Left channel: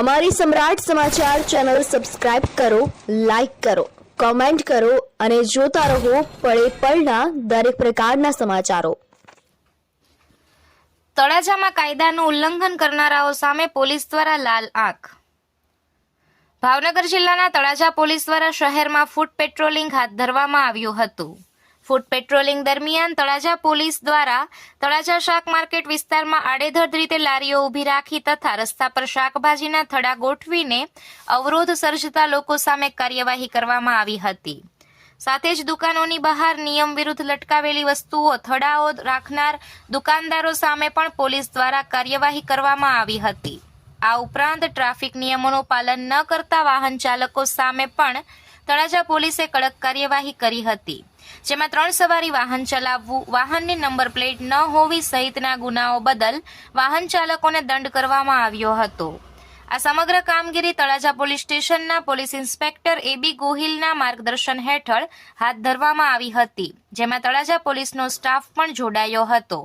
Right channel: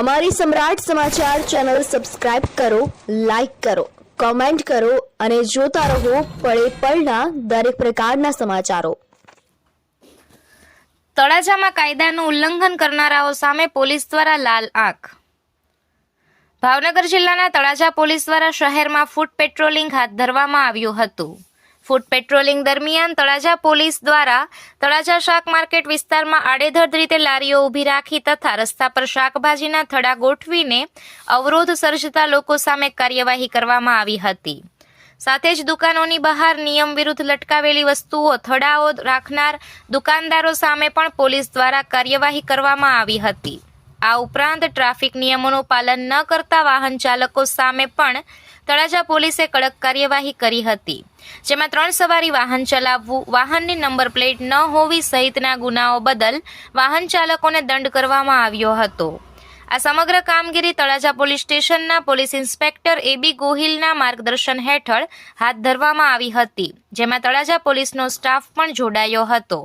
અમારી Samrat Samachar channel subscribe કરો, like કરો, કોમેન્ટ કરો અને જોતા રહો પળે પળના દરેક પ્રકારના સમાચારો. તળાજામાં કાયદાનું ઉલ્લંઘન કરનારાઓ સામે પોલીસ દ્વારા લાલ આંખ. ભાવનગર જિલ્લાના તળાજા પોલીસ દ્વારા શહેરમાં ફૂટ પેટ્રોલિંગ હાથ ધરવામાં આવ્યું હતું. ફૂટ પેટ્રોલિંગ દરમિયાન તળાજા પોલીસ દ્વારા તળાજા શાક માર્કેટ વિસ્તારમાં આડેધડ રીતે લારીઓ ઊભી રાખી તથા રસ્તા પર શાકભાજીના થડા ગોઠવીને અવરોધ સર્જતા લોકો સામે કાર્યવાહી કરવામાં આવી હતી. સાથે જ દુકાનોની બહાર નિયમ વિરુદ્ધ લટકાવેલી વસ્તુઓ, થડાઓ રાખનાર દુકાનદારો સામે પણ પોલીસ દ્વારા કાર્યવાહી કરવામાં આવી હતી. આ ઉપરાંત ટ્રાફિક નિયમોનું પાલન ન કરતા વાહન ચાલકો સામે પણ તળાજા પોલીસે કડક કાર્યવાહી કરી હતી, જેમાં ત્રણ સવારી વાહન ચલાવવું, વાહનની નંબર પ્લેટ ન હોવી સહિતના ગુનાઓ બદલ વાહન ચાલકોને દંડ કરવામાં આવ્યો હતો. આ સમગ્ર કામગીરી તળાજા પોલીસ સ્ટેશનના પોલીસ ઇન્સ્પેક્ટર એબી ગોહિલના માર્ગદર્શન હેઠળ હાથ ધરવામાં આવી હતી, જેમાં તળાજા પોલીસનો સ્ટાફ પણ જોડાયો હતો.